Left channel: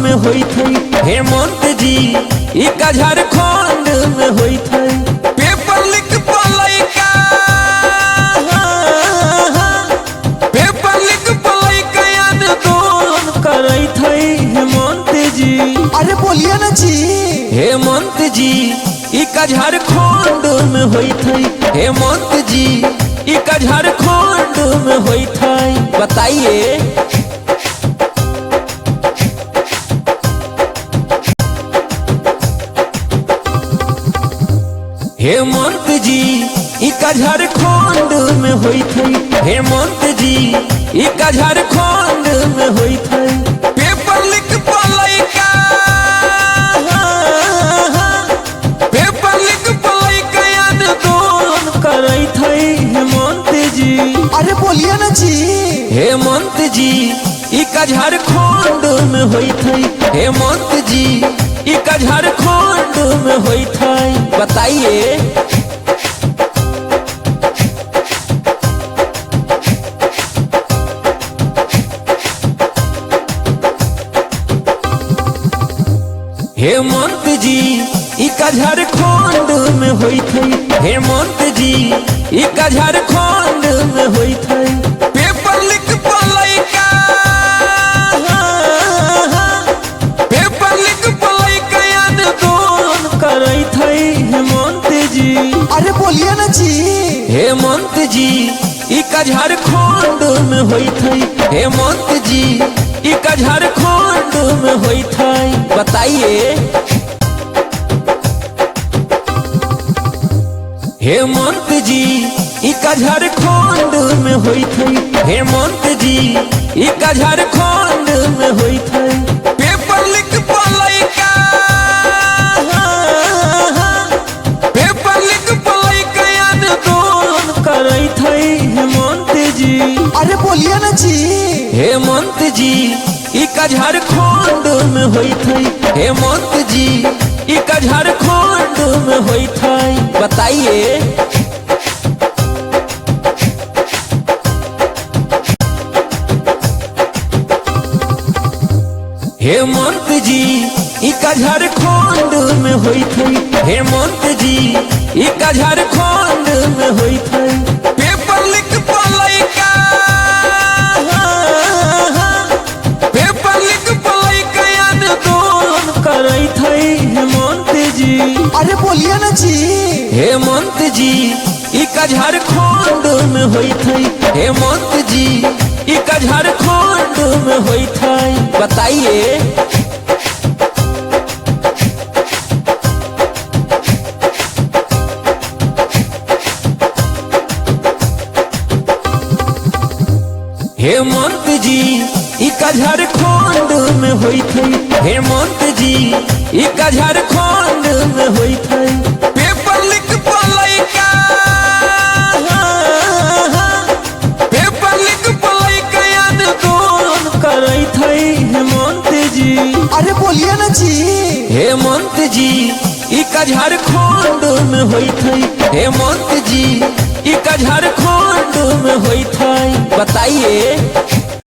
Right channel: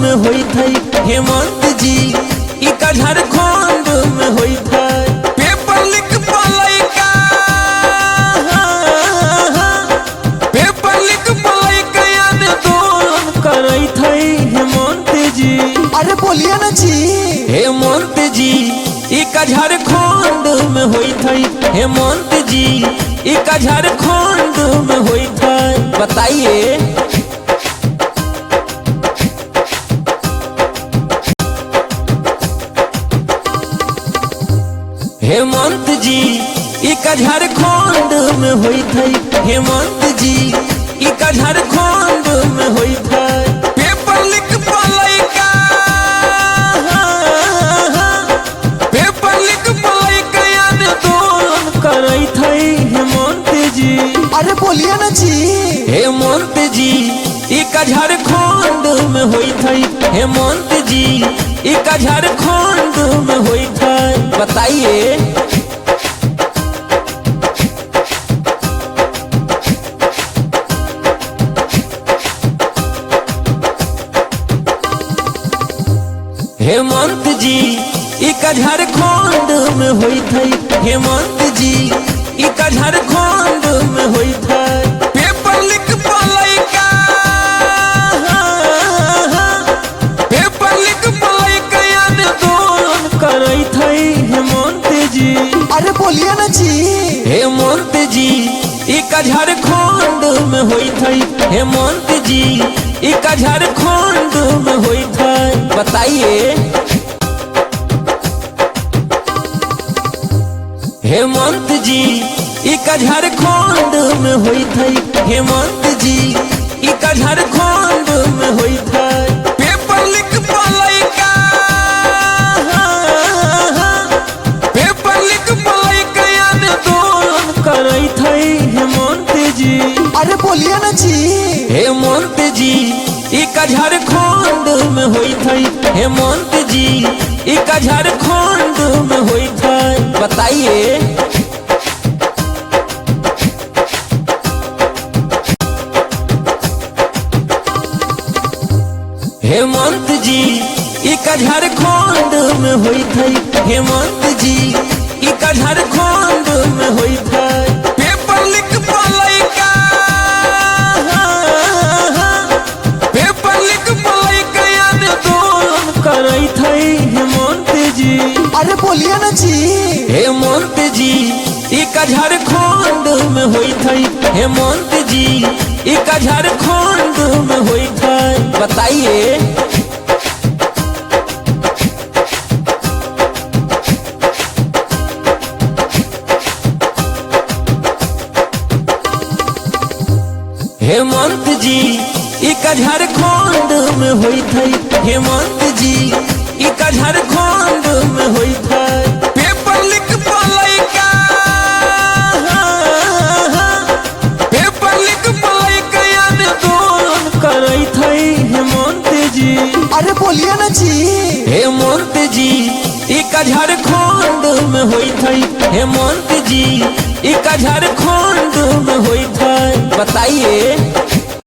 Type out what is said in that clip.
में होई थई हेमंत जी ई का झारखंड में होई था। पेपर लीक पलई का पेपर लीक पलई का आंदोलन करई थई हेमंत जी। अरे बोलिए ना जी। हेमंत जी ई का झारखंड में होई थई हेमंत जी ई का झारखंड में होई था। बताइए हेमंत जी ई का झारखंड में होई थई हेमंत जी ई का झारखंड में होई था। पेपर लीक पलई का पेपर लीक पलई का आंदोलन करई थई हेमंत जी। अरे बोलिए ना जी। हेमंत जी ई का झारखंड में होई थई हेमंत जी ई का झारखंड में होई था। बताइए हेमंत जी ई का झारखंड में होई थई हेमंत जी ई का झारखंड में होई था। पेपर लीक पलई का पेपर लीक पलई का आंदोलन करई थई हेमंत जी। अरे बोलिए ना जी। हेमंत जी ई का झारखंड में होई थई हेमंत जी ई का झारखंड में होई था। बताइए हेमंत जी ई का झारखंड में होई थई हेमंत जी ई का झारखंड में होई था। पेपर लीक पलई का पेपर लीक पलई का आंदोलन करई थई हेमंत जी। अरे बोलिए ना जी। हेमंत जी ई का झारखंड में होई थई हेमंत जी ई का झारखंड में होई था। बताइए हेमंत जी ई का झारखंड में होई थई हेमंत जी ई का झारखंड में होई था। पेपर लीक पलई का पेपर लीक पलई का आंदोलन करई थई हेमंत जी। अरे बोलिए ना जी। हेमंत जी ई का झारखंड में होई थई हेमंत जी ई का झारखंड में होई था। बताइए हेमंत जी ई का झारखंड में होई थई हेमंत जी ई का झारखंड में होई था। पेपर लीक पलई का पेपर लीक पलई का आंदोलन करई थई हेमंत जी। अरे बोलिए ना जी। हेमंत जी ई का झारखंड में होई थई हेमंत जी ई का झारखंड में होई था। बताइए